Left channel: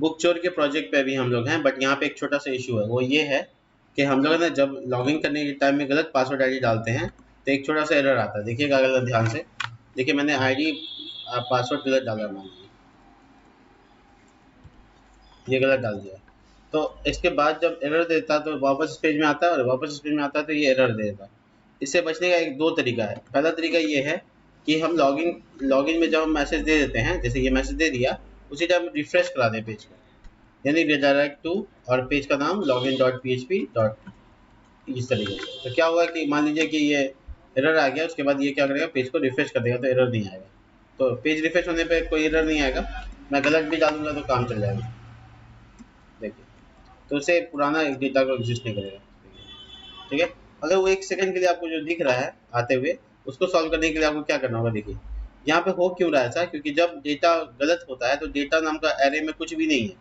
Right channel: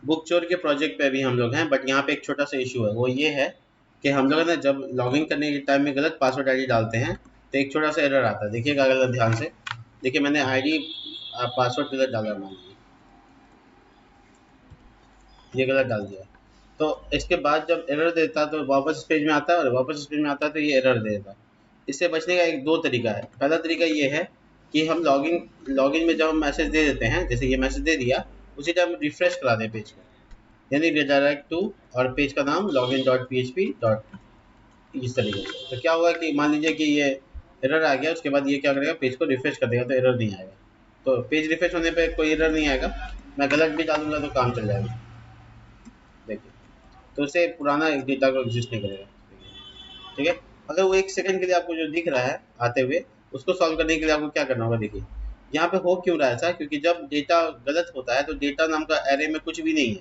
Book चोर के project पे भी हम लोग हैं, बट यहाँ पे एक छोटा सा इशू है, वो ये है कि हम लोग ने जब लॉगिन करने के टाइम में गलत पासवर्ड आईडी डालते हैं तो एक छोटा सा एरर आता है। देखिएगा अगर ध्यान से, देखिए मैंने आईडी पासवर्ड गलत डाला है, ये गलत डाल दिया। तो इसके बाद जब एरर देता तो वापस पेज में आता है, और वापस पेज में आता है तो ये एरर देता। इससे बचने का एक दो तरीका है। पहला तरीका ये है कि हम लॉगिन में जब हम मैसेज दे देते हैं, जैसे ये मैसेज दे दिया, उसे जब हम रिफ्रेश करा दें पेज को, यानी रिडायरेक्ट टू, और पेज का नाम login.php इस तरीके से, तो क्या होगा कि मान लीजिए कि ये एरर आ गया, उसके बाद ये क्या करेगा, पेज को रिफ्रेश करेगा तो एरर नहीं आएगा। तो पेज रिफ्रेश होने पे कोई एरर नहीं आएगा, मैं गलत भी डाल दूंगा तो काम चल जाएगा। देखिए, तो उसे पुराना एक डेटा रजिस्टर करेगा। ठीक है, अगर वो 1 सेकंड के लिए आपको जो दिख रहा है आते हुए, उसको सॉल्व करने के लिए आपको क्या करना होगा, देखिए यहाँ पे हो क्यों रहा है ऐसा, क्योंकि जब डेटा गलत होता है तो डेटा नाम का एरे में कुछ भी नहीं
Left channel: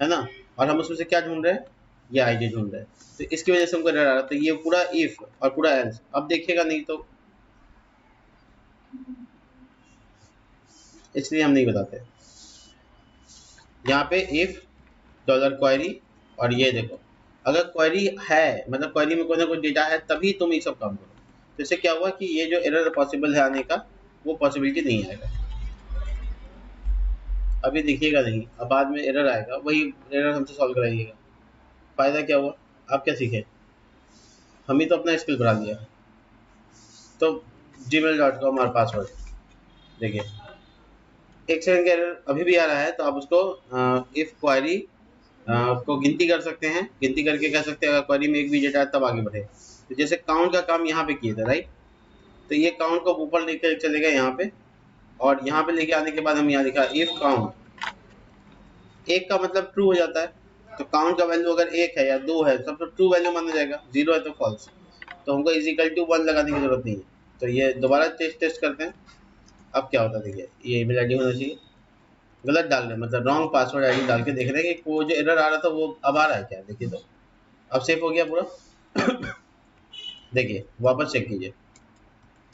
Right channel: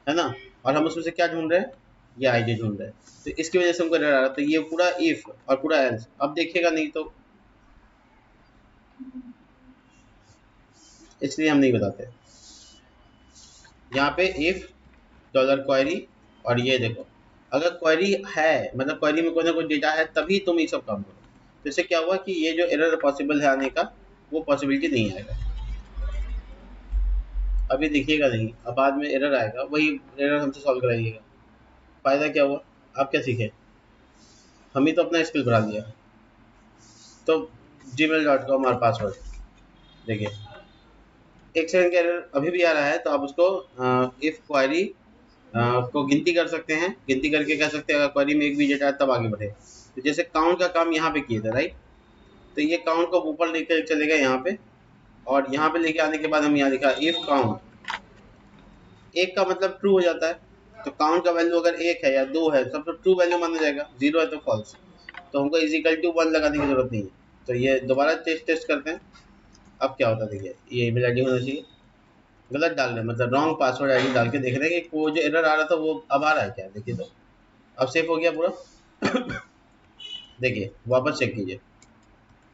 है ना, और हम उससे क्या ढूंढ रहे हैं, ये आईडी ढूंढ रहे हैं, तो इसकी वजह से वो कर रहा है। तो ये पूरा इफ और पूरा एल्स, अब देखिएगा नहीं तो इसलिए हम नहीं बताते। यहाँ पे इफ डॉलर क्वेरी, और ये देखो अगर क्वेरी है, मतलब क्वेरी में कोई ना कोई डेटा है, तभी तुम ये सब काम करो। तो इससे क्या होगा कि ये जो एरर पॉसिबल है आने का, वो पॉसिबिलिटी नहीं है। अभी देखिएगा नहीं, अब बाद में एरर आएगा, वही एरर हम सॉल्व करेंगे। फायदा क्या होगा, आप क्या सीखे, हम ही तो अपना स्किल बढ़ा दिया। तो gmail.com हमारा पासवर्ड, देखिए एक सेकंड का एरर अभी भी आ रहा है, तो आप उसको इफ क्वेरी को गिनती कर सकते हैं, गिनती करके क्या सकते हैं, क्वेरी में एक भी डेटा है तब आगे बढ़े। तो जैसे काउंट का काम यहाँ पे किया, राइट, तो ये काउंट को ऊपर लेकर चले गए यहाँ पे, और यहाँ पे लेके आने के बाद हम यहाँ लिखा इफ काउंट, एक का मतलब ट्रू हो जाता है, तो काउंट का वैल्यू अगर 1 है या 2 है तो ट्रू वैल्यू मान जाएगा, 0 है तो फॉल्स, तो हमको इक्वल टू 1 लगाने की जरूरत नहीं है। तो ये दोबारा टेस्ट करते हैं। अब क्या होगा, ये ईमेल होना चाहिए, गलत डाल रहे हैं, मतलब रॉन्ग पासवर्ड आईडी डाल के देख रहे हैं कि वो जो एरर आ रहा था वो अब आ रहा है, देखिए तो अब सेव हो गया पूरा। देखिए वापस चेक कीजिए,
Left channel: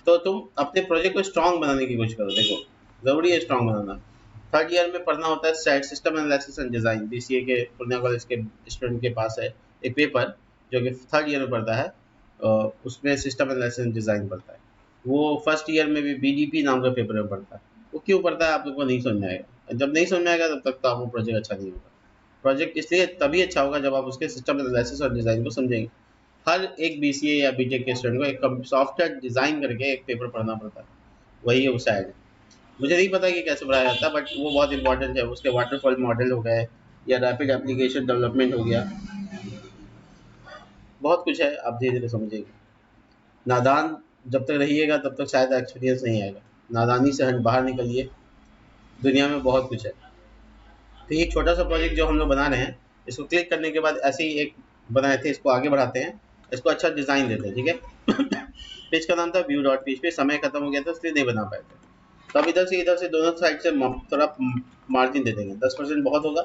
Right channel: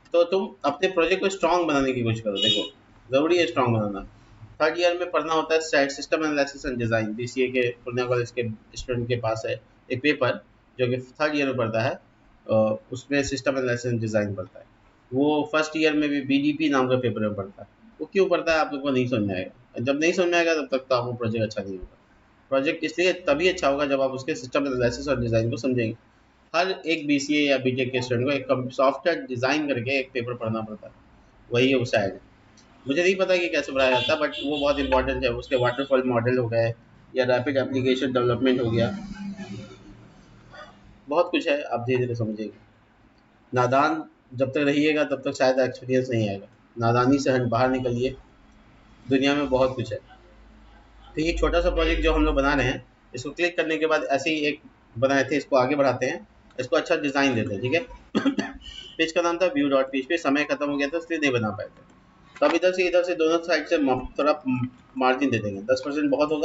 तो तुम अपने प्रोजेक्ट को स्ट्रांग बनाने की कोशिश करो। देखो जरूरी है स्ट्रांग बनाना। थर्ड ईयर में पढ़ना होता है system analysis and design, BCA के पूर्णिया कॉलेज के स्टूडेंट के पास है एक पेपर जो कि थर्ड ईयर में पढ़ता है, उसमें सिस्टम एनालिसिस एंड डिजाइन पढ़ता है। वो फर्स्ट ईयर में बीईपी नाम का पेपर पढ़ता है। वो क्यों पढ़ता है आपको नहीं समझ में आएगा, जब नहीं समझ आएगा तब तक आपको प्रोजेक्ट अच्छा नहीं होगा। प्रोजेक्ट इसलिए तभी अच्छा होगा जब आप उसके सिस्टम एनालिसिस और डिजाइन को समझेंगे। हर एक बीसीए या बीटेक के स्टूडेंट को एक सॉफ्टवेयर डिजाइन करके एक पेपर पढ़ना पड़ता है, वही उसका है। मुझे नहीं पता कि कैसे पढ़ाया जाता, बट वो बहुत इंपॉर्टेंट है। उसके वाटरफॉल मॉडल हो गए या रैपिड एप्लीकेशन डेवलपमेंट हो गया, बहुत कुछ है, आप धीरे धीरे समझिएगा। नादान जब तक रहिएगा तब तक शायद एक्सपीरियंस नहीं आएगा, नादानी से बाहर निकलिए, दुनिया में बहुत कुछ है। तो ये छोटा सा प्रोजेक्ट जो हम लोग बना रहे हैं, इसको क्लिक करने के बाद ऐसे ही एक बनाए थे, इसको आगे बढ़ाते हैं, इसको अच्छा डिजाइन देते हैं। ठीक है, पेज का नाम था view.php, समय खत्म हो गया तो फिर नहीं बना पाया, तब इधर से दोनों साइड से थोड़ा मार्जिन दे देंगे, 10% बहुत होगा।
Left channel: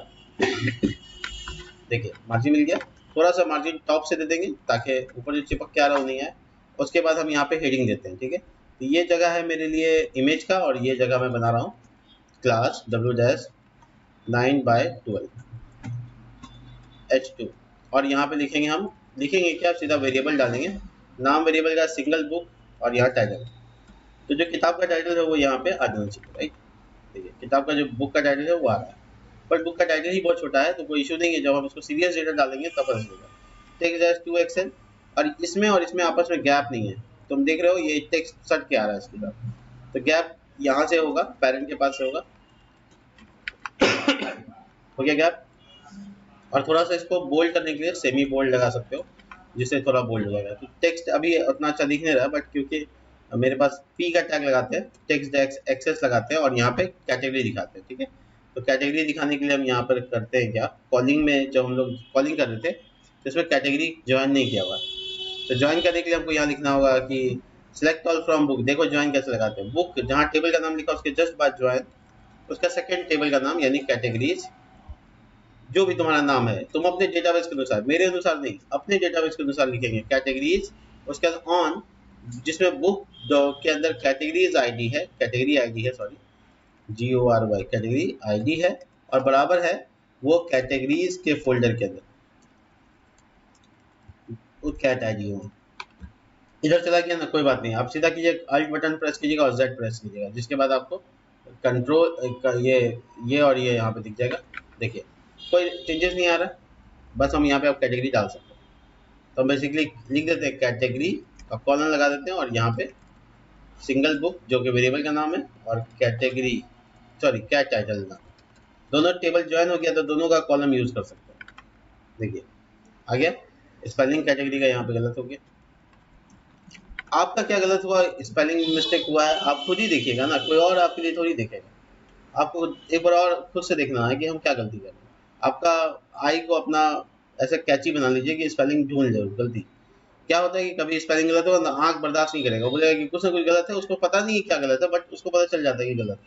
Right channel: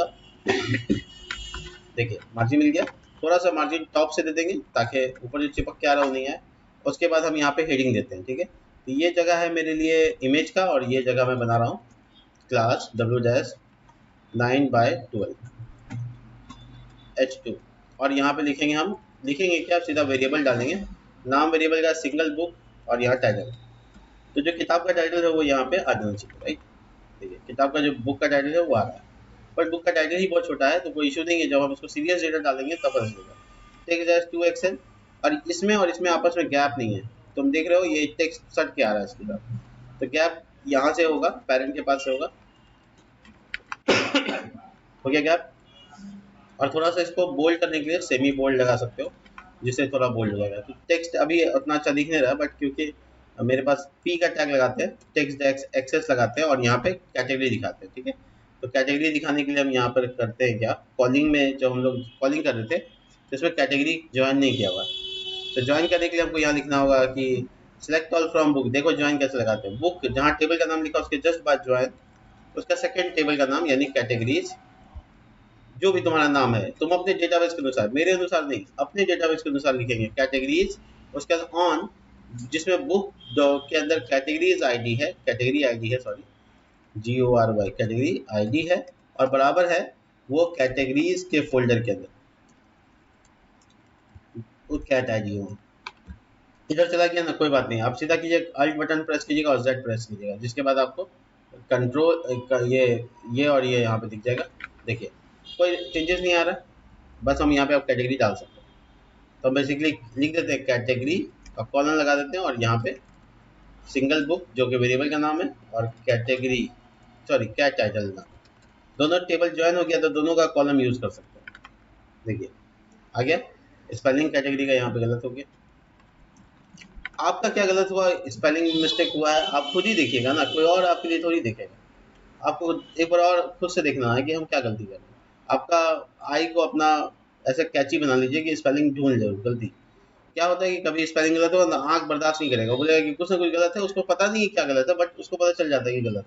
देखिए मार्जिन मिल गया, थोड़ा सा मार्जिन टॉप से दे देंगे ताकि ऊपर जो चिपक के आ रहा नहीं है। उसके बाद हम यहाँ पे हेडिंग देते हैं। ठीक है, तो ये जगह है मेरे लिए इमेज का, और ये जगह मैं बना रहा हूँ क्लास w-9/12 h2, और यहाँ पे लिखेंगे हम, लिखेंगे क्या, सीधा वेरिएबल डालेंगे, नाम वेरिएबल या सिंगल बुक, और यहाँ टाइटल। तो जो किताब का टाइटल है वो यहाँ पे आ जाना चाहिए, किताब का जो बुक का टाइटल है वो आ रहा है, बट बुक का टाइटल ही बहुत छोटा है तो कोई इशू नहीं है, जब हम उसको सीरियल सीरियल डाल देंगे तब रहेगा। ठीक है, 2 एक्सेल, और इसमें और इसमें आपस में गैप नहीं है, तुम देख रहे हो ये टेक्स्ट सट के आ रहा है सीधा, तो गैप यहाँ से होगा, पैरेंट के पास से होगा, हो गया गैप। और थोड़ा सा इसको बोल्ड करने के लिए सेमी बोल्ड लगा सकते हो, जिससे थोड़ा बोल्ड हो जाएगा। टेक्स्ट अभी उतना अच्छा दिख नहीं रहा, बट क्योंकि मेरे पास पी का टैग लगाते हैं, टेक्स्ट एक्सेस लगाते हैं, और यहाँ पे कैटेगरी दिखाते हैं। ठीक है, तो कैटेगरी दिखाने के लिए हम यहाँ पर करते हैं क्या, कॉलिंग में जब हम लोग कॉलिंग करते थे तो इसमें कैटेगरी ज्वाइन नहीं किया हुआ, तो ज्वाइन करने के लिए हमको यहाँ लिखना होगा कि सिलेक्ट कॉल फ्रॉम बुक। देखो ज्वाइन कैसे लगाते हैं, बुक जहाँ टेबल का नाम लिखा हो सीधे बाय ज्वाइन, उसका सेकंड टेबल का नाम यानी कैटेगरीज, जो भी तुम्हारा नाम है तुम अपने डेटाबेस के अनुसार, मेरे अनुसार नहीं, अपने डेटाबेस के अनुसार लिखेंगे कैटेगरीज, उसके बाद ऑन, जिसमें बुक के अंदर कैटेगरीज आईडी है, कैटेगरी आईडी है, सॉरी GORY कैटेगरी आईडी है, और बराबर है वो कैटेगरीज के फोल्डर के अंदर वो क्या चाहिए वो इधर चला गया ना, कोई बात नहीं, आप सीधा कीजिए आई बटन प्रेस कीजिएगा और जेड प्रेस कीजिएगा, जिसके बाद आपको कंट्रोल ये और ये यहाँ पे दिख जाएगा। देखिए कोई चेंजेस नहीं आ रहा, बस हम यहाँ पे कैटेगरी डाल सकते हैं। तो बेसिकली लिख देते हैं कैटेगरी का कॉलम लगा देते हैं और यहाँ पे सिंगल बुक जो कि वेरिएबल का नाम है और कैटेगरी सॉरी क्या टाइटल नाम, दोनों टेबल ज्वाइन हो गया तो दोनों का कॉलम यूज कर सकते हैं। देखिए आ गया, स्पेलिंग कैटेगरी का यहाँ पे गलत हो गया। आपका क्या गलत हुआ, स्पेलिंग मिस्टेक हुआ है, आप खुद ही देखिएगा ना, कोई और आपके लिए थोड़ी देखेगा। आपको एक बार और खुद से देखना है कि हम क्या गलती करें। आपका आई को अपना ऐसे कैची बना लीजिए कि स्पेलिंग ढूंढ ले गलती। क्या होता है कि कभी स्पेलिंग गलत हो ना, आंख बर्दाश्त नहीं करेगा, बोलेगा कि कुछ गलत है, उसको पता नहीं क्या गलत है, बट उसको पता चल जाता है कि गलत।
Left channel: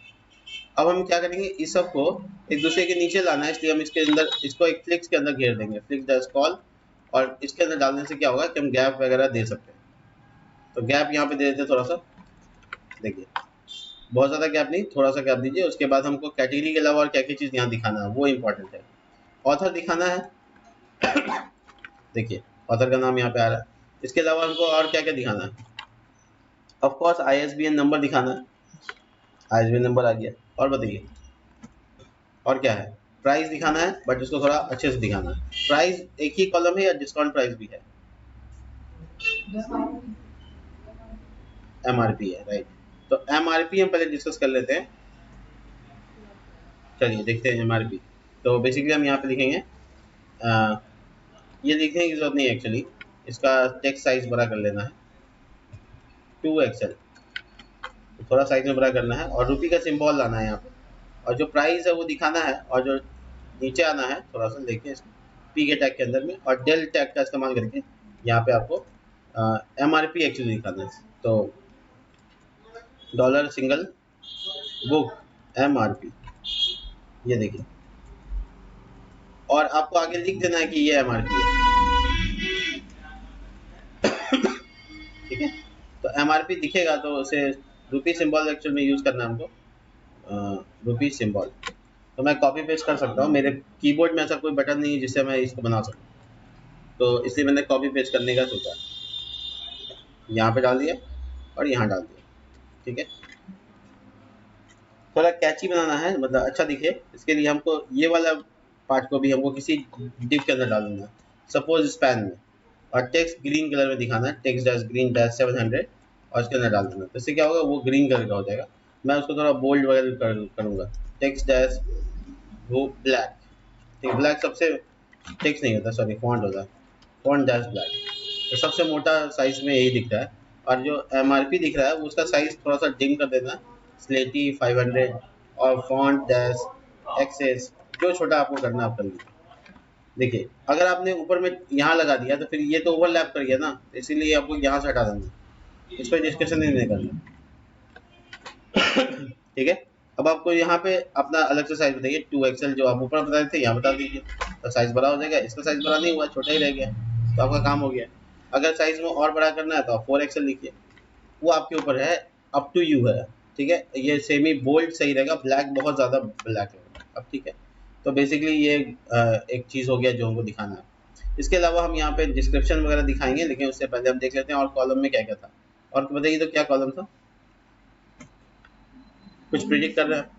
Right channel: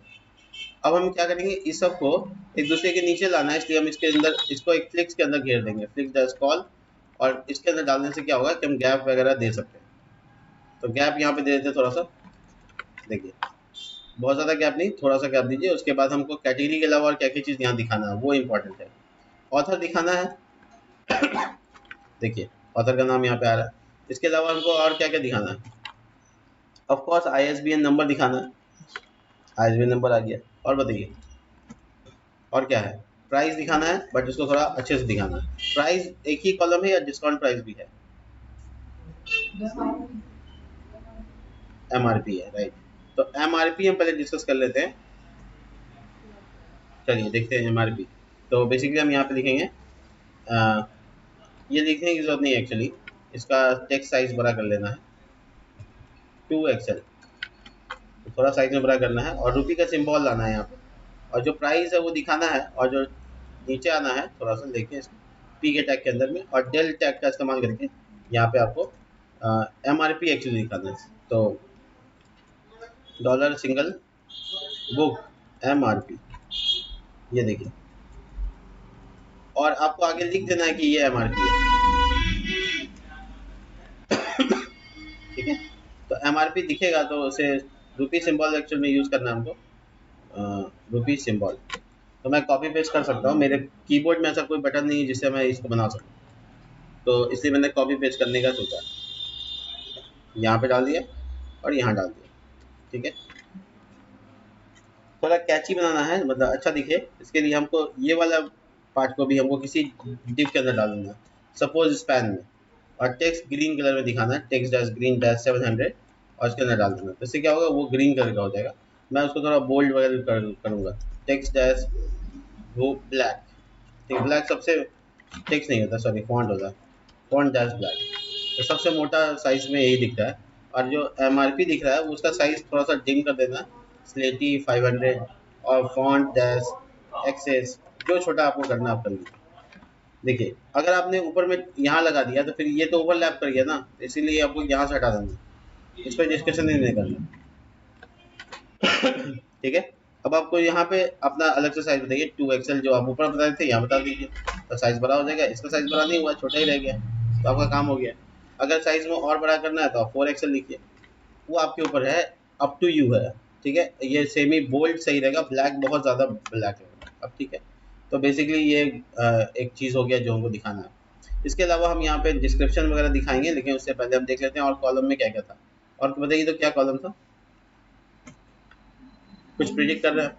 अब हम क्या करेंगे, इस सब को एक दूसरे के नीचे लाना है कि हम इसके अंदर इसको एक क्लिक के अंदर घेर देंगे, क्लिक द कॉल, और इसके अंदर डालने से क्या होगा कि हम गैप वगैरह दे सकते हैं। तो गैप यहाँ पे दे देते थोड़ा सा, देखिए बहुत ज़्यादा गैप नहीं, थोड़ा सा गैप दीजिए। उसके बाद हमको कैटेगरी के अलावा और क्या क्या चीज़ यहाँ दिखाना है वो इम्पोर्टेंट है। ऑथर दिखाना है, देखिए ऑथर का नाम यहाँ पे आ रहा है। इसके अलावा हमको और क्या क्या दिखाना है, ऑफ कोर्स ISBN नंबर दिखाना है, ISBN नंबर आ गया। और बताइए और क्या है, प्राइस दिखाना है, बट इसको थोड़ा अच्छे से दिखाना है। प्राइस एक ही कॉलम है, डिस्काउंट प्राइस भी है, MRP है, राइट। तो MRP हम पहले डिस्कस कर लेते हैं, चलिए देखते हैं MRP। तो बेसिकली हम यहाँ पे लिखेंगे ये लिखने की जरूरत नहीं है एक्चुअली, इसका टेक्स्ट साइज बड़ा कर लेना है 2XL, थोड़ा साइज में बड़ा करना है और रुपये का सिंबल लाना है यहाँ पे, और जो प्राइस है वो दिखाना है, और जो नीचे आना है थोड़ा सा देखिए पी के टैग के अंदर में, और डेल टैग का इस्तेमाल करके यहाँ पे आपको MRP एक्चुअली दिखाना है। तो डॉलर सिंगल बुक MRP, ये देखिए, और आपको आगे लिख देना है कि ये MRP है, ठीक है। तो MRP दिखेगा तो उसे रुपी सिंबल एक्चुअली यूज करना है हमको, रुपी सिंबल। तो मैं कॉपी पेस्ट कर सकता हूँ, मेरे कीबोर्ड में ऐसा कोई बटन नहीं जिससे मैं इसको बना सकूँ, तो इसलिए मैंने कॉपी पेस्ट करने का सोचा, यहाँ पे डाल दिया और यहाँ डाल दिया, ठीक है। थोड़ा कैची बनाना है, मतलब अच्छा दिखे, इसके लिए हमको ये वाला पार्ट को भी हमको किसी डिव के अंदर डाल देना है, सपोज स्पैन में, और टेक्स्ट ग्रीन कलर में दिखाना है, टेक्स्ट डैश ग्रीन डैश 700 और इसके अंदर डाल देना। इससे क्या होगा, वो ग्रीन कलर का हो जाएगा। मैं उसको थोड़ा बोल्ड वगैरह कर दूंगा, टेक्स्ट डैश वो ब्लैक, ठीक है, ब्लैक सबसे टेक्स्ट नहीं होता, सॉरी फॉन्ट होता है, फॉन्ट डैश ब्लैक, तो सबसे मोटा साइज में यही दिखता है। और जो MRP दिख रहा है उसका साइज थोड़ा सा डिम कर देना, स्लेटी 500 और फॉन्ट डैश एक्सेस जो छोटा आपको करना आप कर लीजिए। देखिए अगर आपने ऊपर में यहाँ लगा दिया तो फिर ये तो ओवरलैप कर गया ना, इसलिए आपको यहाँ से हटा देना, इस पर डिस्कशन नहीं करना, ठीक है। अब आपको यहाँ पे अपना अलग से साइज देखिए 2XL जो आप ऊपर बता रहे थे यहाँ बता दीजिए, तो साइज बड़ा हो जाएगा, इसका साइज बड़ा नहीं हुआ, छोटा ही रहेगा, तो आपका काम हो गया। अगर साइज में और बड़ा करना है तो आप 4XL लीजिए, वो आपके ऊपर है, अप टू यू है, ठीक है। ये सेमी बोल्ड सही रहेगा, ब्लैक बहुत ज्यादा ब्लैक है, अब ठीक है। तो बेसिकली ये एक चीज हो गया जो दिखाना है। इसके अलावा हम यहाँ पे डिस्क्रिप्शन वगैरह दिखाएंगे, लेकिन उससे पहले हम देख लेते हैं और कॉलम में क्या क्या था, और बताइए तो क्या कॉलम था, कुछ प्रिडिक्ट कर रहा है,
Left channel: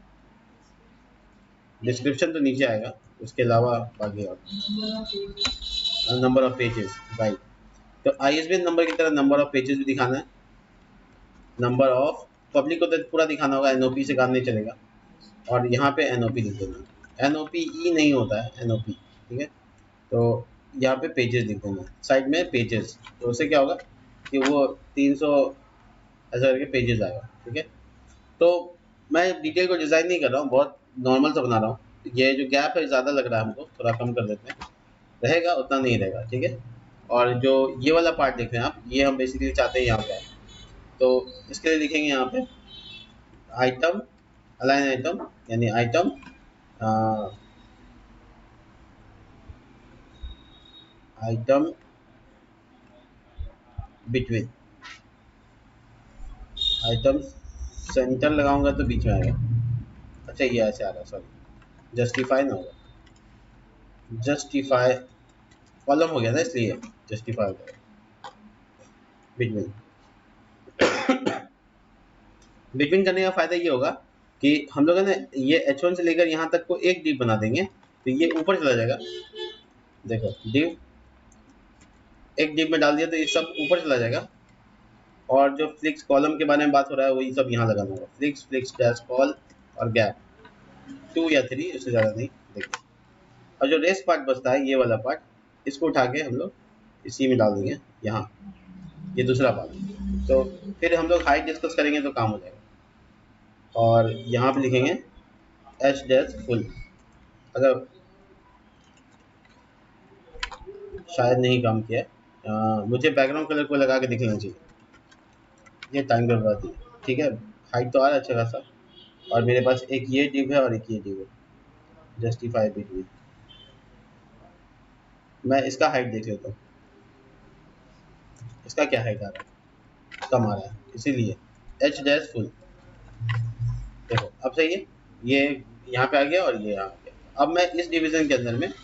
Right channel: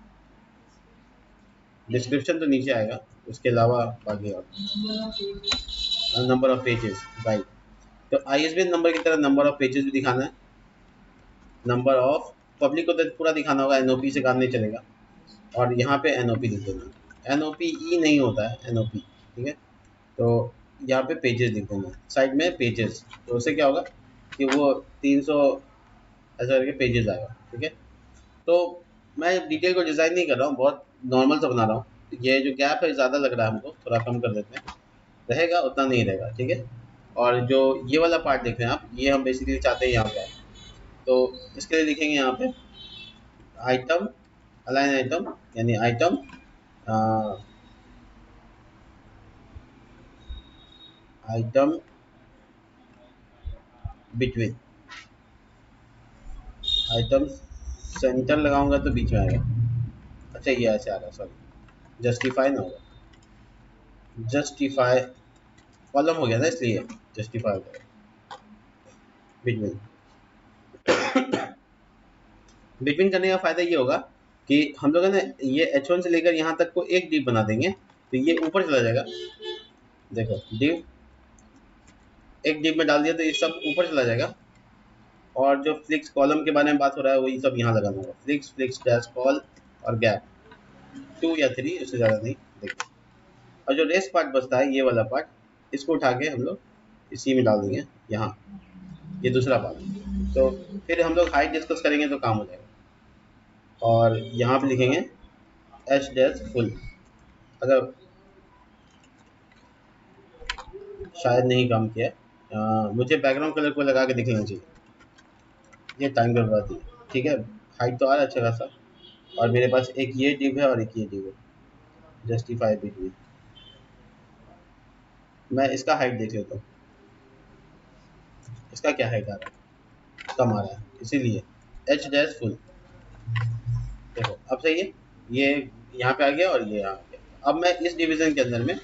डिस्क्रिप्शन तो नीचे आएगा, उसके अलावा बाकी और नंबर ऑफ पेजेस, राइट। तो ISBN नंबर की तरह नंबर ऑफ पेजेस दिखाना है, नंबर ऑफ पब्लिक को तो पूरा दिखाना होगा, NOP से काम नहीं चलेगा, और यहाँ पे NOP लिख देना, NOP ही नहीं होता है NOP, ठीक है। तो यहाँ पे पेजेस दिखाना है, साइड में पेजेस, तो उससे क्या होगा कि वो 300 ऐसा करके पेजेस आएगा, ठीक है। तो मैं डिटेल को डिजाइन नहीं कर रहा हूँ, बहुत नॉर्मल सा बना रहा हूँ, ये जो गैप है ज़्यादा लग रहा है हमको, थोड़ा कम कर देते हैं, रहेगा उतना नहीं रहेगा, ठीक है। और जो ये वाला पार्ट लिख रहे हैं आप, ये हम बेसिकली चाहते हैं यहाँ पे, तो इसके लिए लिखेंगे यहाँ पे आइटम, अलाइन आइटम, यानी item item between, item centre लगाऊंगा तो बीच में आएगा, अच्छा ये ऐसे आएगा, सॉरी जस्टिफाई ना, जस्टिफाई कॉलम हो गया ना, इसलिए जस्टिफाई बिटवीन। बिटवीन करने का फायदा ये होगा कि हम लोगों ने ये H1 से लेकर यहाँ तक को एक डिव बना देंगे, तो ये ऊपर चला जाएगा। देखो डिव एक डिव में डाल दिया तो ये सब ऊपर चला जाएगा, और जो फ्लिक्स कॉलम के बारे में बात हो रहा है वो सब यहाँ लगाना होगा। फ्लिक्स फ्लिक्स डैश कॉल और गैप 2 या 3 इससे ज़्यादा नहीं। देखो और जो रेस पार्ट बचता है ये वाला पार्ट, इसको उठा के हम लोग इसी में डाल देंगे यहाँ, ये दूसरा पार्ट। तो फिर हम लोग हाइट डिस्कस करेंगे तो काम हो जाएगा। और यहाँ पे लिखेंगे एच डैश फुल, अगर शायद नहीं काम किया है, मुझे बैकग्राउंड कलर को लगा के दिखना चाहिए। ये टाइम बता दिए, ठीक है। हाइट तो आ रहा है अच्छा खासा, और मेरे पास एक ये डिव है और एक ये जस्टिफाई भी। मैं इसका हाइट देख लेता हूँ, इसका क्या है कम आ रहा है, इसीलिए एच डैश फुल। देखो अब सही है, ये यहाँ पे आ गया और ये यहाँ पे। अब मैं इस डिवीजन के अंदर में,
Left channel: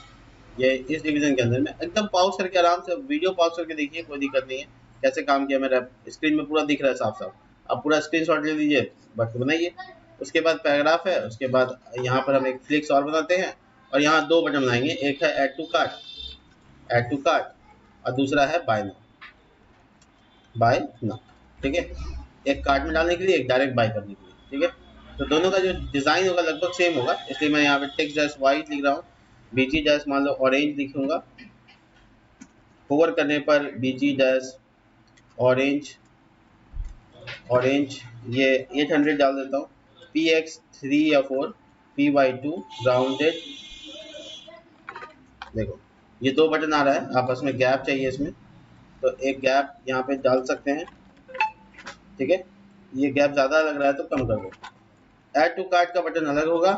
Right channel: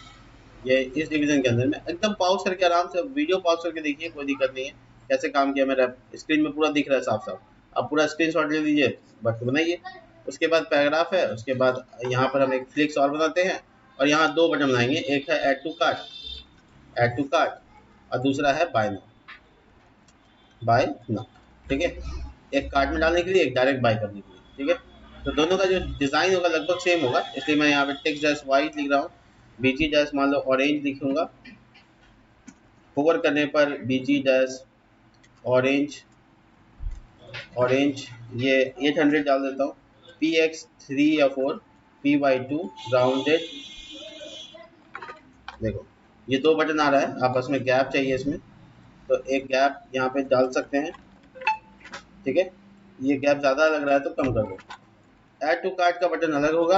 ये इस डिवीजन के अंदर में एकदम पॉज करके आराम से वीडियो पॉज करके देखिए, कोई दिक्कत नहीं है। कैसे काम किया मेरा स्क्रीन में पूरा दिख रहा है साफ साफ। अब पूरा स्क्रीनशॉट ले लीजिए, बट बनाइए। उसके बाद पैराग्राफ है, उसके बाद यहाँ पर एक फ्लिक्स और बनाते हैं, और यहाँ दो बटन बनाएंगे, एक है ऐड टू कार्ट और दूसरा है बाय नाउ, ठीक है। एक कार्ट में डालने के लिए, डायरेक्ट बाय करने के लिए, ठीक है। तो दोनों का जो डिजाइन वाला लगभग सेम होगा, इसलिए मैं यहाँ पे टेक्स्ट जैस वाइट लिख रहा हूँ, बीजी जैस मान लो ऑरेंज लिखूंगा। होवर करने पर बीजी जैस ऑरेंज ये 800 डाल देता हूँ। px3 या 4 py2 ग्राउंडेड। देखो ये दो बटन आ रहा है, आपस में गैप चाहिए इसमें, तो एक गैप यहाँ पे डाल सकते हैं, ठीक है। ये गैप ज़्यादा लग रहा है तो कम करो। ऐड टू कार्ट का बटन अलग होगा,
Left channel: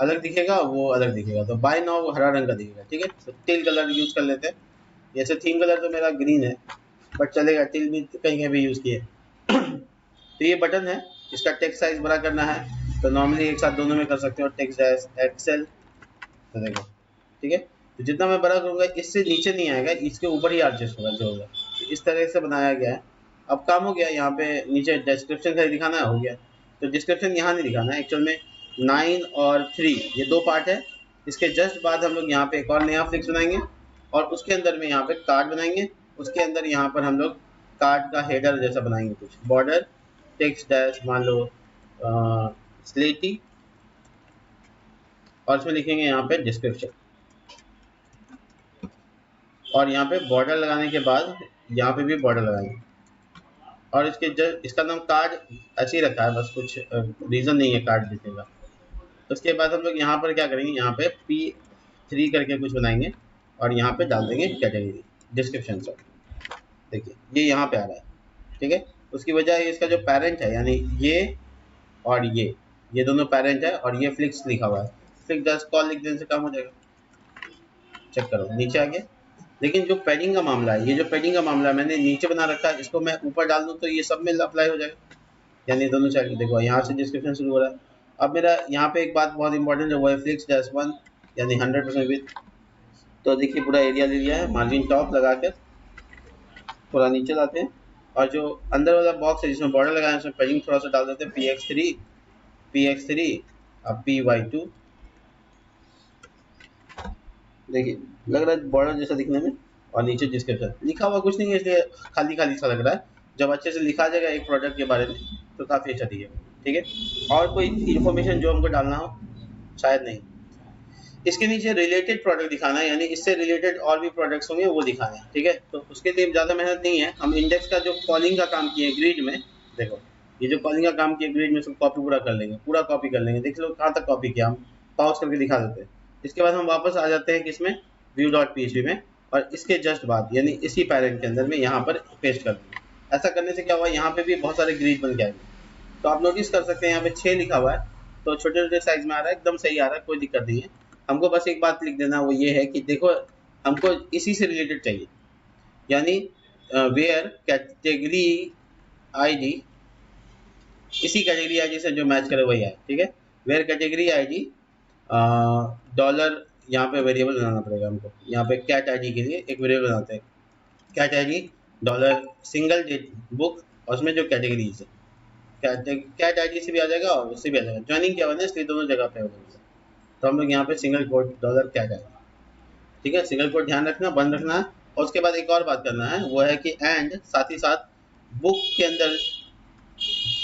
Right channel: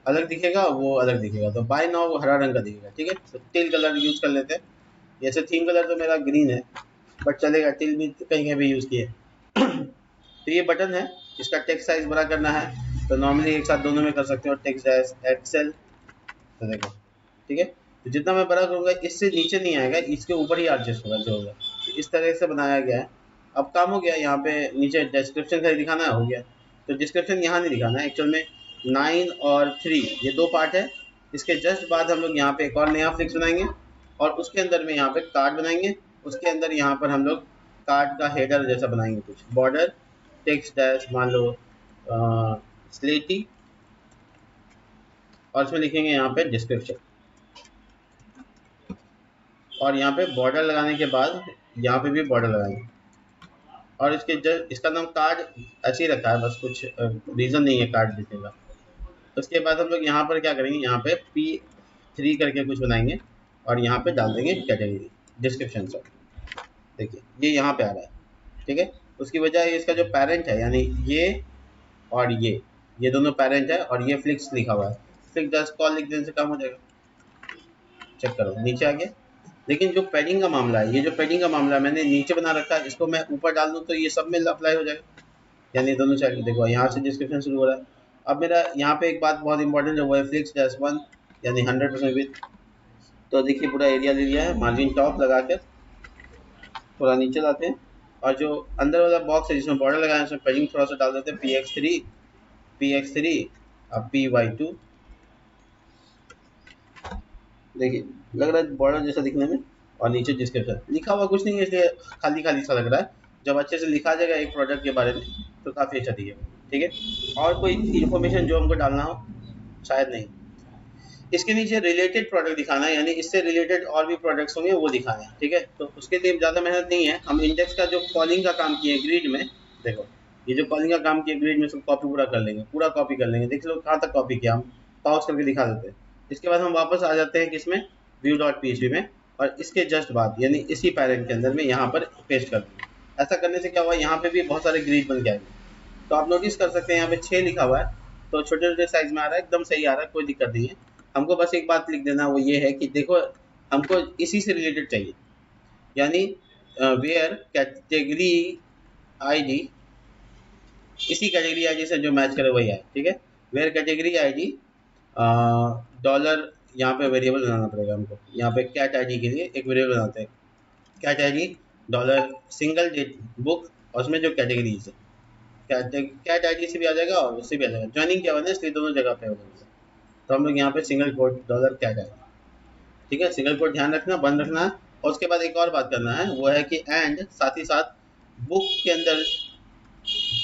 अलग दिखेगा, वो अलग दिखेगा। तो बाय नाउ हरा रंग का दिखेगा, ठीक है। तो टिल कलर यूज कर लेते हैं। जैसे थीम कलर मेरा ग्रीन है, बट चलेगा, टिल भी कहीं भी यूज किए। तो ये बटन है, इसका टेक्स्ट साइज बड़ा करना है, तो नॉर्मली एक साथ दोनों में कर सकते हो, टेक्स्ट साइज एक्सेल, ठीक है। तो जितना मैं बड़ा करूंगा इससे नीचे नहीं आएगा, इससे ऊपर ही आ जाएगा। इस तरह से बनाया गया है। अब काम हो गया, यहाँ पे नीचे डिस्क्रिप्शन दिखाना हो गया, तो डिस्क्रिप्शन यहाँ नहीं दिखाना है। एक्चुअल में 9 और 3 ये दो पार्ट है। इसके जस्ट बाद हम लोग यहाँ पे एक और नया फ्लिक्स बनाएंगे, और उसके अंदर में यहाँ पे कार्ड बनाएंगे। उसके अंदर यहाँ पर हम लोग कार्ड का हेडर जैसा बनाएंगे, बॉर्डर टेक्स्ट डैश मान लो स्लेटी, और फिर लिखेंगे यहाँ पे डिस्क्रिप्शन। और यहाँ पे बॉर्डर लगाने के बाद यहाँ पे भी बॉर्डर लगाएंगे, और इसका नाम कार्ड ऐसे ही रखा है, बस कुछ रीजन नहीं है कार्ड लिखने का। उसके बाद हम लोग यहाँ पर क्या करेंगे, यहाँ पे P3 करके कुछ बनाएंगे, और यहाँ पे डाल देंगे कैटेगरी डिस्क्रिप्शन। देखिए ये यहाँ पे आ गया, ठीक है। उसकी वजह इसका जो पैरेंट है, यानी ये और ये दोनों पैरेंट है, और ये फ्लिक्स लिखा हुआ है। फ्लिक्स जस्ट कॉल लिख देने से काम हो जाएगा। चेक करो नीचे आ गया। लेकिन जो पैडिंग का मामला है, ये जो पैडिंग का मामला है मैंने नीचे बना रखा है, इसको मैं ऊपर डाल दूं तो ये सब में अप्लाई हो जाएगा, यानी दोनों साइड देखो यहाँ से डिस्क्रिप्शन शुरू हो रहा है। अब मेरा यहाँ पे एक बात बहुत इंपॉर्टेंट है, वो है फ्लिक्स जस्ट 1 यानी 100 में। तो देखिए पूरा एरिया लिया है, मार्जिन टॉप लगा के थोड़ा नीचे लाते हैं, और जो अंदर वाला बॉक्स है जिसमें बॉर्डर लगाया है उसमें पैडिंग प्रोसेस डाल देते हैं, px3 और py2। देखिए लग रहा है बॉर्डर जैसा दिखने में, और नीचे डिस्क्रिप्शन लिखा हुआ कुछ नहीं है, खाली खाली सा लग रहा है। जब अच्छे से लिखा जाएगा एक प्रोडक्ट के बारे में तो काफी अच्छा दिखेगा, ठीक है। और कोई इन्फॉर्मेशन जो आपको डालना हो शायद नहीं, इसके नीचे रिलेटेड प्रोडक्ट दिखाना है, यानी इससे रिलेटेड और भी प्रोडक्ट्स होंगे वो दिखाना है, ठीक है। तो उसके लिए ज़्यादा मेहनत नहीं है, हम इंडेक्स का जो कॉलिंग का काम किए ग्रिड में, देखो ये जो कॉलिंग का काम किए ग्रिड में, उसको कॉपी पूरा कर लेंगे, पूरा कॉपी कर लेंगे। देख लो कहाँ तक कॉपी किया, हम पॉज करके दिखा देते हैं। इसके बाद हम वापस आ जाते हैं इसमें view.php में, और इसके जस्ट बाद यानी इसी पैरेंट के अंदर में यहाँ पर पेस्ट कर। ऐसा करने से क्या हुआ, यहाँ पे भी बहुत सारे ग्रिड बन गया। तो आप नोटिस कर सकते हैं यहाँ पे 6 लिखा हुआ है, तो छोटे छोटे साइज में आ रहा है, एकदम सही आ रहा है, कोई दिक्कत नहीं है। हमको बस एक बात लिख देना, वो ये है कि देखो हमको इसी से रिलेटेड चाहिए, यानी वेयर कैटेगरी आईडी, इसी कैटेगरी आईडी से जो मैच करे वही है, ठीक है। वेयर कैटेगरी आईडी यहाँ पे वेरिएबल बनाना पड़ेगा हमको। यहाँ पे कैट आईडी के लिए एक वेरिएबल बनाते हैं, cat ID dollar single book, और उसमें जो कैटेगरी दी है कैट आईडी से भी आ जाएगा और उससे भी आ जाएगा। ज्वाइनिंग क्या होता है, इसलिए दोनों जगह पे होगा। तो हम लोग यहाँ पे सिंगल कोट डॉलर कैट है, ठीक है। सिंगल कोट ध्यान रखना, बंद रखना। और उसके बाद एक और बात करना है, वो है कि एंड साथ ही साथ बुक के अंदर,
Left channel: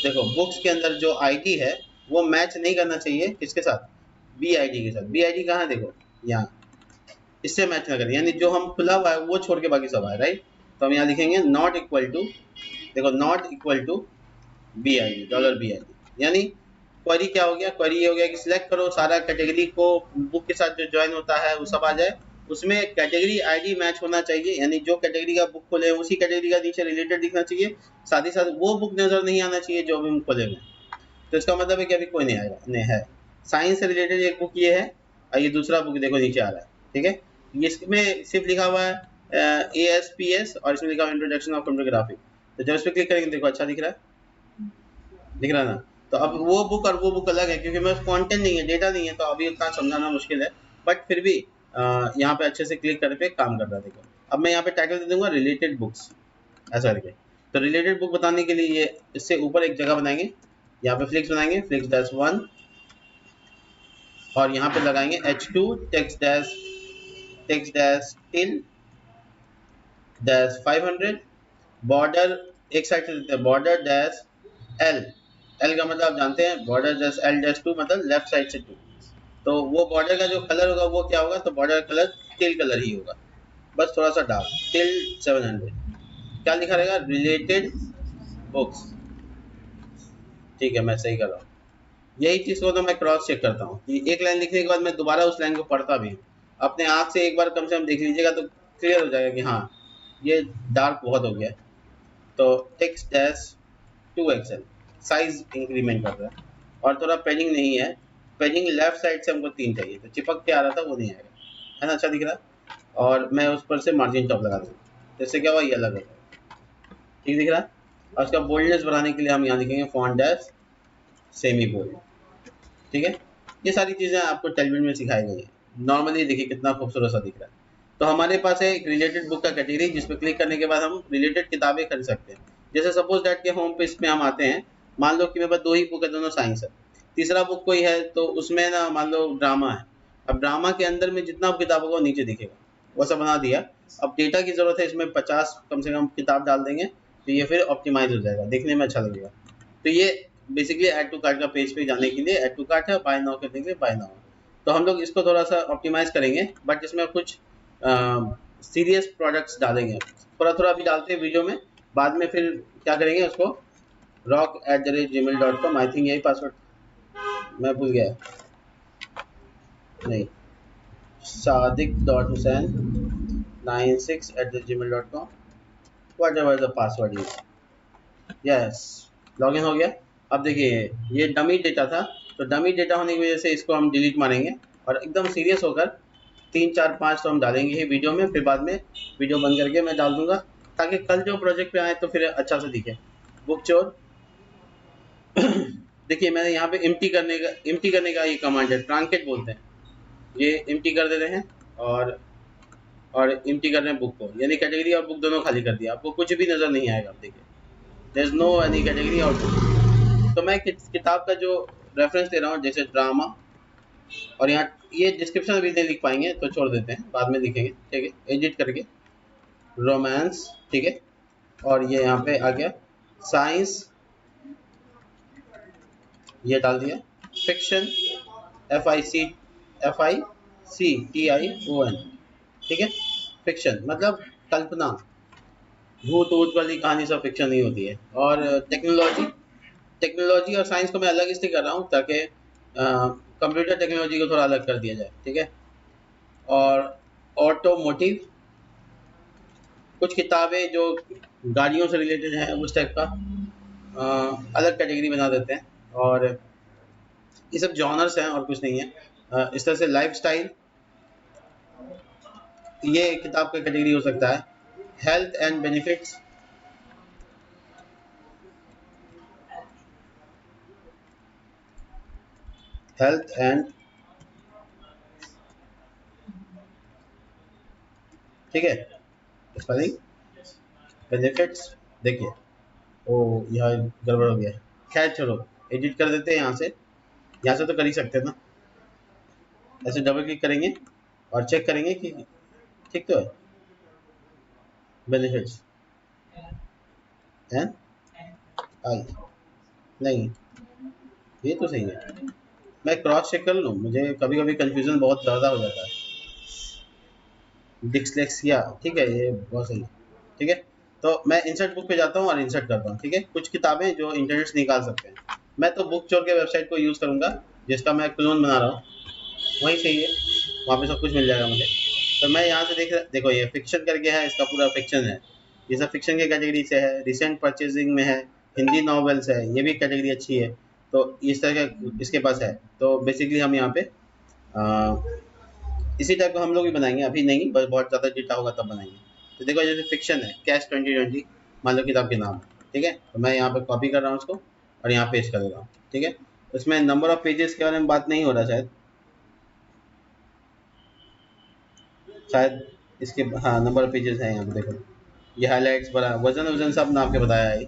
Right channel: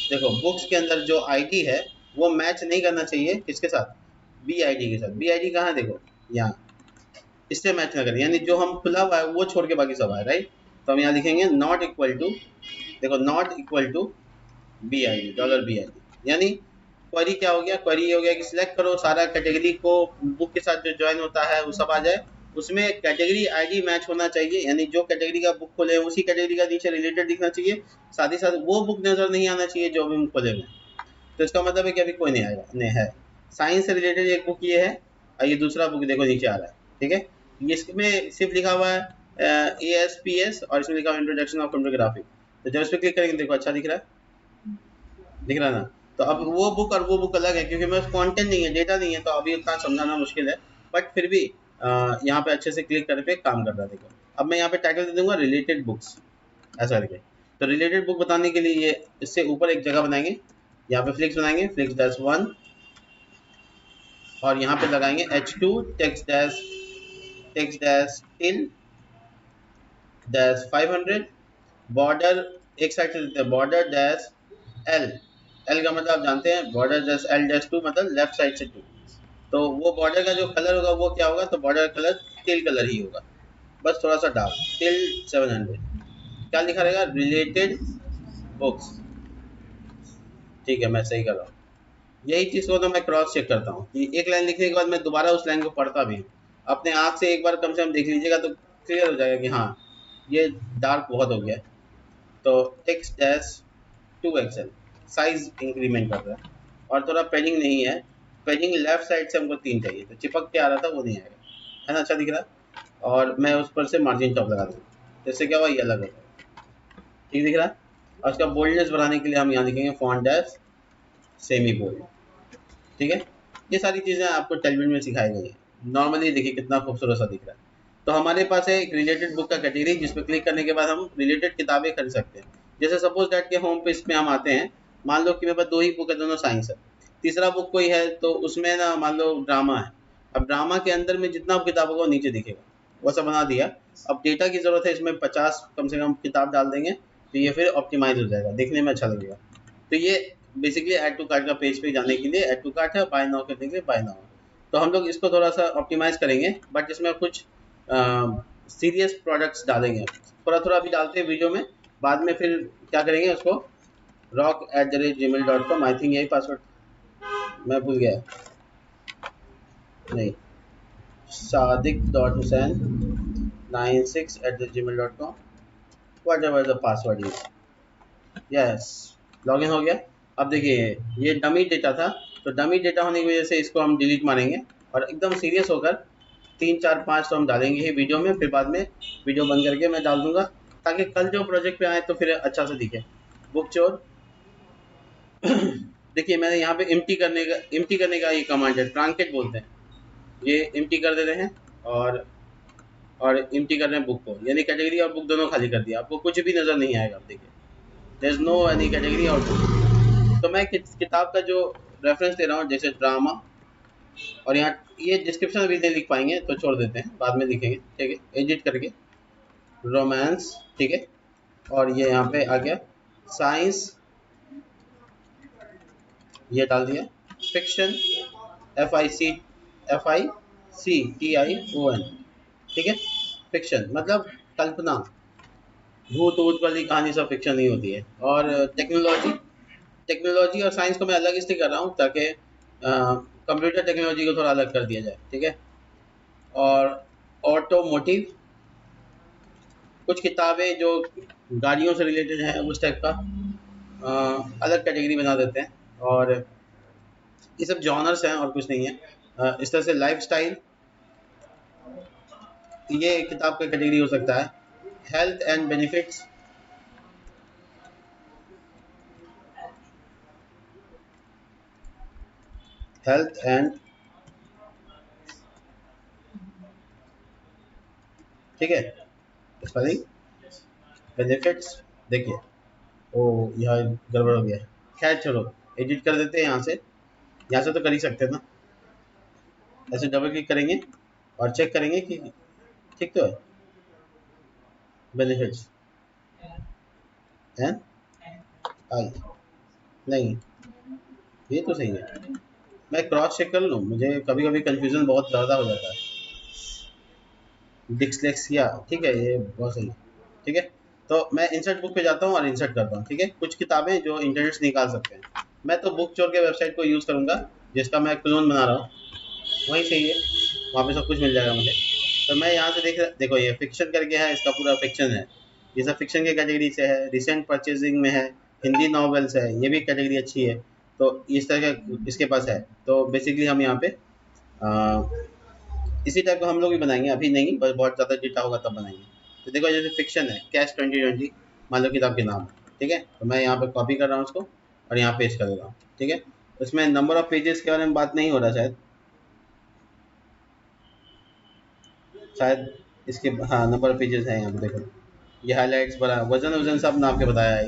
देखो बुक्स के अंदर जो आईडी है वो मैच नहीं करना चाहिए इसके साथ बी आईडी के साथ। बी आईडी कहाँ है, देखो यहाँ, इससे मैच ना करें, यानी जो हम खुला हुआ है वो छोड़ के बाकी सब है, राइट। तो हम यहाँ लिखेंगे नॉट इक्वल टू, देखो not equal to B I dollar B I, यानी क्वेरी क्या हो गया, क्वेरी हो गया सिलेक्ट करो सारा कैटेगरी को बुक के साथ जो ज्वाइन होता है वो सब आ जाए, उसमें कैटेगरी आईडी मैच होना चाहिए, यानी जो कैटेगरी का बुक खोले उसी कैटेगरी का नीचे रिलेटेड दिखना चाहिए, साथ ही साथ वो बुक नजर नहीं आना चाहिए जो हम खोले। तो इसका मतलब है कि अभी कोई नहीं आएगा, नहीं है। साइंस से रिलेटेड एक बुक ये है, और ये दूसरा बुक देखो नीचे आ रहा है, ठीक है। ये इसमें सिर्फ लिखा हुआ है ASPS और इसमें लिखा हुआ है इंट्रोडक्शन ऑफ फोटोग्राफी। तो जस्ट क्लिक करेंगे, देखो अच्छा दिख रहा है, दिख रहा है ना। तो अब वो बुक और वो बुक अलग है, क्योंकि मेरे कंटेंट नहीं है, डेटा नहीं है, तो अभी इतना समझाना मुश्किल है। बट फिर भी यहाँ पे अच्छे से क्लिक करके काम कर रहा है। अब मैं यहाँ पे टाइटल दूंगा रिलेटेड बुक्स, ऐसा करके। तो रिलेटेड बुक बताने के लिए इससे ऊपर एक जगह बनाएंगे, यहाँ पे क्लिक बनाएंगे, क्लिक डैश 1, और यहाँ पे लगाएंगे H2 text dash in dash 500 border, एक साइड लेते हैं बॉर्डर डैश L, L का मतलब जानते हैं, बॉर्डर डैश L डैश 2 मतलब लेफ्ट साइड से 2। तो वो बॉर्डर का जो कलर होगा वो क्या होगा, तो बॉर्डर कलर टिल कलर ही होगा, बस थोड़ा सा डार्क, टिल 700। क्या लिखा रहेगा, रिलेटेड बुक्स, ठीक है मैं सही कर रहा हूँ। यही चीज को मैं क्रॉस चेक करता हूँ कि एक लाइन लिखने के बाद मैं दोबारा उस लाइन को पढ़ता भी अपने आँख से एक बार कम से कम देख लीजिएगा तो क्लियर हो जाएगा कि हाँ ये डार्क बहुत हो गया है। तो text dash 2XL size increment कर रहा है, और थोड़ा पैडिंग नहीं है, पैडिंग लेफ्ट साइड से हमको 3 चाहिए, चिपक के आ रहा था वो नहीं है ना, अच्छा दिख रहा। और मैं उस पर से मार्जिन टॉप लगा दूँ, जैसे क्या हुआ ये अलग है, ठीक दिख रहा है। और उसका बोल्डनेस बढ़ाने के लिए हम यहाँ देंगे फॉन्ट डैश सेमी बोल्ड, ठीक है। ये सारी चीजें आपको टेलीविजन में सिखाई गई है, नॉर्मली देखिए कितना खूबसूरत सा दिख रहा है। तो हमारे पास है रिलेटेड बुक का कैटेगरी, जिस पर क्लिक करने के बाद हम रिलेटेड किताबें कर सकते हैं। जैसे सपोज दैट कि होम पेज में हम आते हैं, मान लो कि मेरे पास 2 ही बुक है, दोनों साइंस है, तीसरा बुक कोई है तो उसमें मान लो ड्रामा है। अब ड्रामा के अंदर में जितना किताब वो नीचे दिखेगा वो सब बना दिया। अब डेटा की जरूरत है, इसमें 50 कम से कम किताब डाल देंगे, तो ये फिर ऑप्टिमाइज हो जाएगा, देखने में अच्छा लगेगा। तो ये बेसिकली ऐड टू कार्ट का पेज पे जाने के लिए ऐड टू कार्ट है, बाय नाउ करने के लिए बाय नाउ। तो हम लोग इसको थोड़ा सा ऑप्टिमाइज करेंगे, बट इसमें कुछ सीरियस प्रोडक्ट्स डालेंगे, थोड़ा थोड़ा अभी डालते हैं वीडियो में, बाद में फिर क्या करेंगे उसको rock@gmail.com, आई थिंक यही पासवर्ड मैं भूल गया, नहीं sadik.husain96@gmail.com, whatever the password is, yes login हो गया। अब देखिए ये डमी डेटा था, तो डमी डेटा होने की वजह से इसको हम डिलीट मारेंगे, और एकदम सीरियस होकर 3 4 5 तो हम डालेंगे वीडियो में, फिर बाद में वीडियो बंद करके मैं डाल दूंगा, ताकि कल जो प्रोजेक्ट पे आए तो फिर अच्छा सा दिखे। बुक चोर देखिए मैं यहाँ पे एम्प्टी करने का ये कमांड है, ट्रांकेट बोलते हैं, ये एम्प्टी कर देते हैं, और एम्प्टी कर रहे हैं बुक को, यानी कैटेगरी और बुक दोनों खाली कर दिया, आपको कुछ भी नजर नहीं आएगा, देखिए there is no any category. और तो मैं किताब का जो रेफरेंस दे रहा हूँ, जैसे ड्रामा, और यहाँ ये डिस्क्रिप्शन में भी नहीं लिख पाएंगे तो छोड़ देते हैं, बाद में लिखेंगे, ठीक है, एडिट करके रोमांस, ठीक है। और ये यहाँ पे आ गया साइंस, ये डाल दिया, फिक्शन FICTION, ठीक है। फिक्शन मतलब कल्पना, भूत ऊत वाली कहानी सब फिक्शन नहीं होती है। और टेक्नोलॉजी और साइंस को मैं अलग इसलिए कर रहा हूँ ताकि कंप्यूटर टेक्नोलॉजी को थोड़ा अलग कर दिया जाए, ठीक है। और ऑटोमोटिव, कुछ किताबें जो गाड़ियों से रिलेटेड हैं उस टाइप का अलग कैटेगरी बना देते हैं, और ये सब जॉनर्स हैं और कुछ नहीं है। इस तरह से लाइफस्टाइल, ये किताब का कैटेगरी हो सकता है। Health and benefits, health and ठीक है, इसका बेनिफिट्स देखिए। ओ यहाँ गड़बड़ हो गया, खैर चलो एडिट कर देते हैं। यहाँ से तो कर ही सकते हैं ना। ऐसे डबल क्लिक करेंगे और चेक करेंगे कि ठीक तो है बेनिफिट्स हैं। नहीं, ये तो सही है। मैं क्रॉस चेक कर लूँ, मुझे कभी कभी कंफ्यूजन बहुत ज़्यादा हो जाता है। डिस्लेक्सिया, ठीक है, ये बहुत सही। ठीक है, तो मैं इंसर्ट बुक पे जाता हूँ और इंसर्ट करता हूँ। ठीक है, कुछ किताबें जो इंटरनेट से निकाल सकते हैं, मैं तो बुक चोर के वेबसाइट को यूज़ करूँगा, जिसका मैं क्लोन बना रहा हूँ। वहीं से वहाँ पे सब कुछ मिल जाएगा मुझे। तो मैं यहाँ से देखो ये फिक्शन करके है, इसका पूरा फिक्शन है। ये सब फिक्शन की कैटेगरी से है, रिसेंट परचेजिंग में है, हिंदी नॉवेल्स है, ये भी कैटेगरी अच्छी है। तो इस तरह इसके पास है। तो बेसिकली हम यहाँ पे इसी टाइप का हम लोग भी बनाएंगे, अभी नहीं, बस बहुत ज़्यादा डिटा होगा तब बनाएंगे। तो देखो ये फिक्शन है, कैश 2020 मान लो किताब के नाम। ठीक है, तो मैं यहाँ पे कॉपी कर रहा हूँ उसको और यहाँ पेस्ट कर दूँगा। ठीक है, उसमें नंबर ऑफ पेजेस के बारे में बात नहीं हो रहा शायद, शायद इसके हाँ नंबर ऑफ पेजेस हैं यहाँ पे। ये हाईलाइट्स वाला वजन सब नाम के बताया है।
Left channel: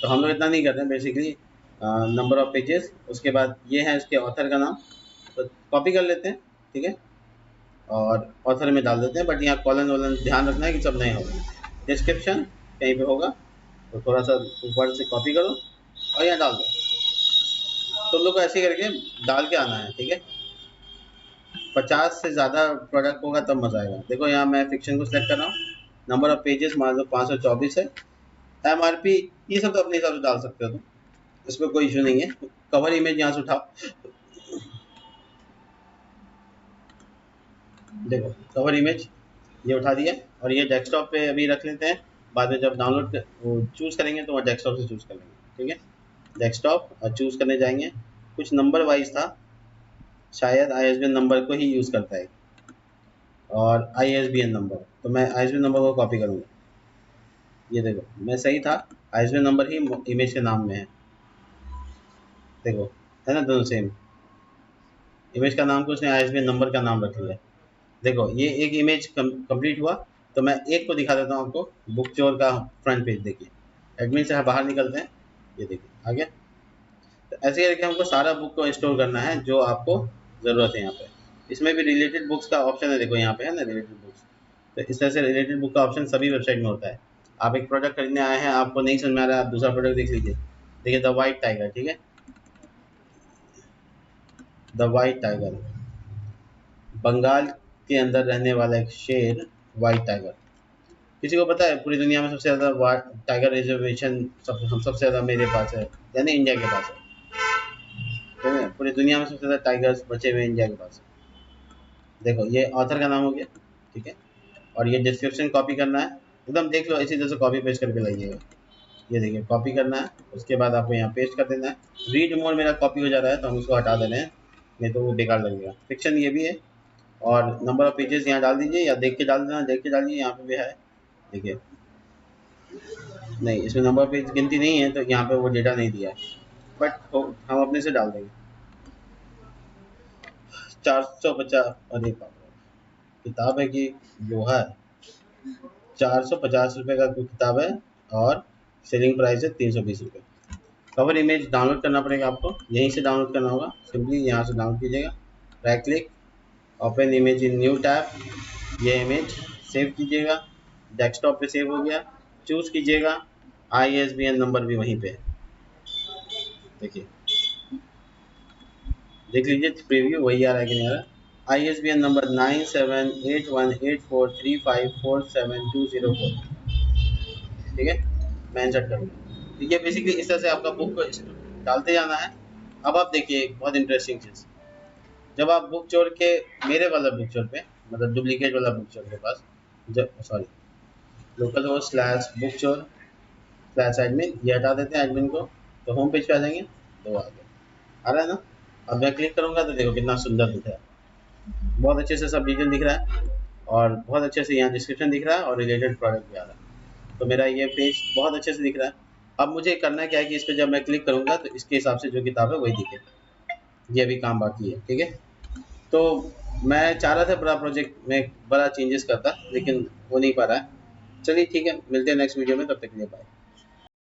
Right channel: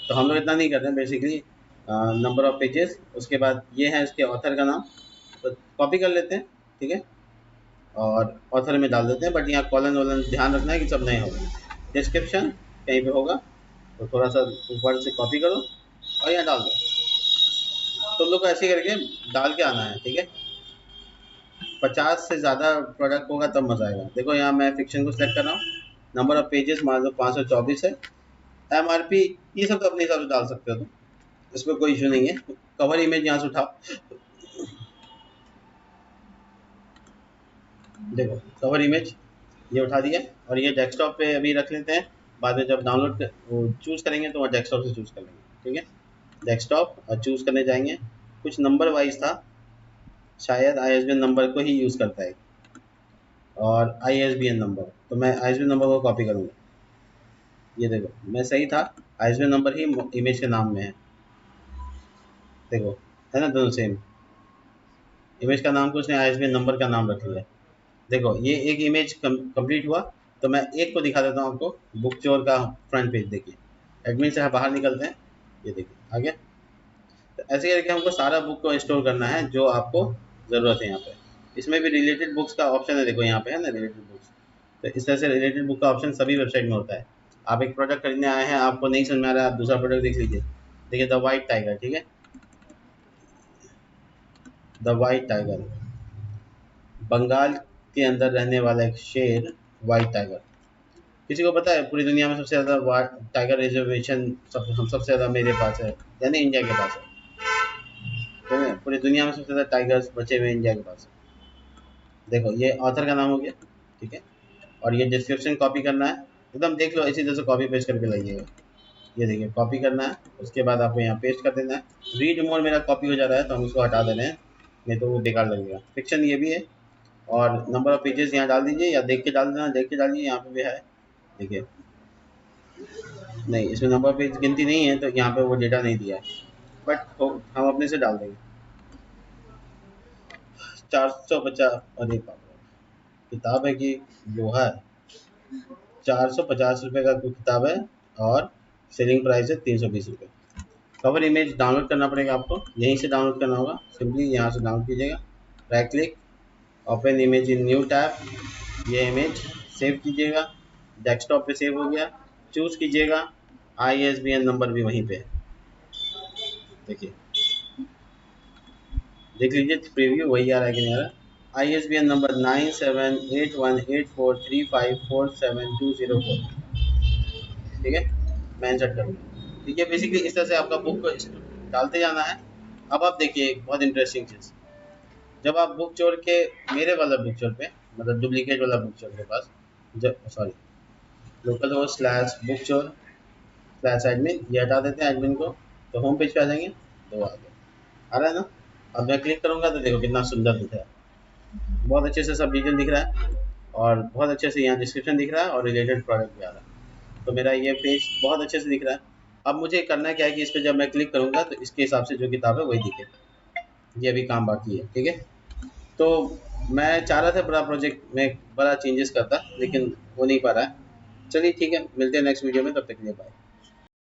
तो हम लोग इतना नहीं करते बेसिकली, नंबर ऑफ पेजेस, उसके बाद ये है इसके ऑथर का नाम, तो कॉपी कर लेते हैं। ठीक है, और ऑथर में डाल देते हैं, बट यहाँ कॉलम ध्यान रखना है कि सब नए हो। डिस्क्रिप्शन कहीं पे होगा तो थोड़ा सा ऊपर से कॉपी करो और यहाँ डाल दो। तो लोग ऐसे करके डाल के आना है। ठीक है, 50 से ज़्यादा प्रोडक्ट होगा तब मजा आएगा। देखो यहाँ मैं फिक्शन को सेलेक्ट कर रहा हूँ, नंबर ऑफ पेजेस मान लो 524 है, एमआरपी ये सब अपनी जगह डाल सकते हो, इसमें कोई इशू नहीं है। कवर इमेज यहाँ से उठा, देखो कवर इमेज ये उठा दिया और ये डेस्कटॉप पे अभी रख लेते हैं। बाद में जब डाउनलोड चूज करेंगे तो डेस्कटॉप से चूज करेंगे। ठीक है, डेस्कटॉप और चूज करने जाएंगे, कुछ नंबर वाइज था, शायद आईएसबीएन नंबर को ही यूज करता है और आईएसबीएन नंबर, तो मैं आईएसबीएन नंबर को कॉपी करूँगा। ये देखो मैं सही था, आईएसबीएन नंबर की इमेज के नाम में है, देखो है ना, दोनों सेम। इमेज का नाम तो उसने आईएसबीएन नंबर का नाम रख दिया है। देखो ये एक इमेज कंप्लीट हुआ, तो मैं एक को दिखा देता हूँ आपको, बुक चोर का फ्रंट पेज देखिए। एडमिन से बाहर निकलते हैं, ये देखिए आ गया। तो ऐसे करके हमको सारा बुक को स्टोर करना है जो आपको जरूरत है। यहाँ पे इसमें भी रिलेटेड बुक्स का ऑप्शन है, देखो यहाँ पे है रिलेटेड बुक्स। तो इस तरह से रिलेटेड बुक का ऑप्शन सभी वेबसाइट में होता है। आप एक प्रोडक्ट खरीदने आए हैं, आपको नहीं समझ में आ रहा है, दूसरा प्रोडक्ट लिख लीजिए। देखिए द वाइट टाइगर, ठीक है, द वाइट टाइगर, बंगाल के अंदर रहने वाला एक शेर, वाइट टाइगर। किसी को पता है पूरी दुनिया में सबसे ज़्यादा टाइगर रिजर्वेशन हम सबसे ज़्यादा मेरे पास है, यानी इंडिया के पास है। तो पूरी दुनिया में सबसे ज़्यादा टाइगर्स बचे हुए इंडिया के पास। देखो ये ऑथर का नाम हो गया। ठीक है, और ये डिस्क्रिप्शन कॉपी करना है, एकदम देख लो इसी तरह से कॉपी पेस्ट करके लगाइएगा। ये देखिए कॉपी करना है, उसके बाद आपको यहाँ पेस्ट कर देना है। रीड मोड मेरा कॉपी हो जा रहा है तो हम उसको हटा देते हैं, नहीं तो वो बेकार हो जाएगा। फिक्शन ये भी है, और नंबर ऑफ पेजेस यहाँ डाल दीजिए या देख के डाल देना, देख के डालिए। यहाँ पे है देखिए, नहीं इसमें नंबर पेज गिनती नहीं है तो यहाँ पे वो डेटा नहीं दिया है, बट तो हम अपने से डाल देंगे। 450, अरे किताब है कि लोहा है, 450 रुपये का किताब है और सेलिंग प्राइस है 320 रुपये। कवर इमेज डाउनलोड करना पड़ेगा आपको, यहीं से डाउनलोड करना होगा। सिंपली यहाँ से डाउनलोड कीजिएगा, right click, open image in new tab, ये इमेज सेव कीजिएगा, डेस्कटॉप पे सेव हो गया, चूज कीजिएगा, आईएसबीएन नंबर भी वहीं पे है। देखिए देख लीजिए प्रीव्यू वही आ रही है, आईएसबीएन नंबर 978183547204। ठीक है, मैं इंसर्ट करूँगा। ठीक है, बेसिकली इस तरह से आपका बुक डालते जाना है। अब आप देखिए बहुत इंटरेस्टिंग चीज, जब आप बुक चोर के मेरे वाला बुक चोर पे, मतलब डुप्लीकेट वाला बुक चोर के पास, जब सॉरी लोकल को स्लैश बुक चोर स्लैश एडमिन ये हटा देते हैं एडमिन को, तो होम पेज पे आ जाएंगे। तो आ रहा है ना, अब मैं क्लिक करूँगा तो देखो कितना सुंदर दिख रहा है, बहुत अच्छे से सब डिटेल दिख रहा है और बहुत अच्छे से यहाँ डिस्क्रिप्शन दिख रहा है और रिलेटेड प्रोडक्ट दिख रहा है। तो मेरा ये पेज बहुत अच्छे से दिख रहा है। अब मुझे करना क्या है कि इस पर जब मैं क्लिक करूँगा तो इसके हिसाब से जो किताब है वही दिखेगी। ये भी काम बाकी है। ठीक है, तो मैं चाह रहा था पूरा प्रोजेक्ट में बड़ा चेंजेस करता, लेकिन वो नहीं पाया। चलिए ठीक है, मिलते हैं नेक्स्ट वीडियो में, तब तक के लिए बाय।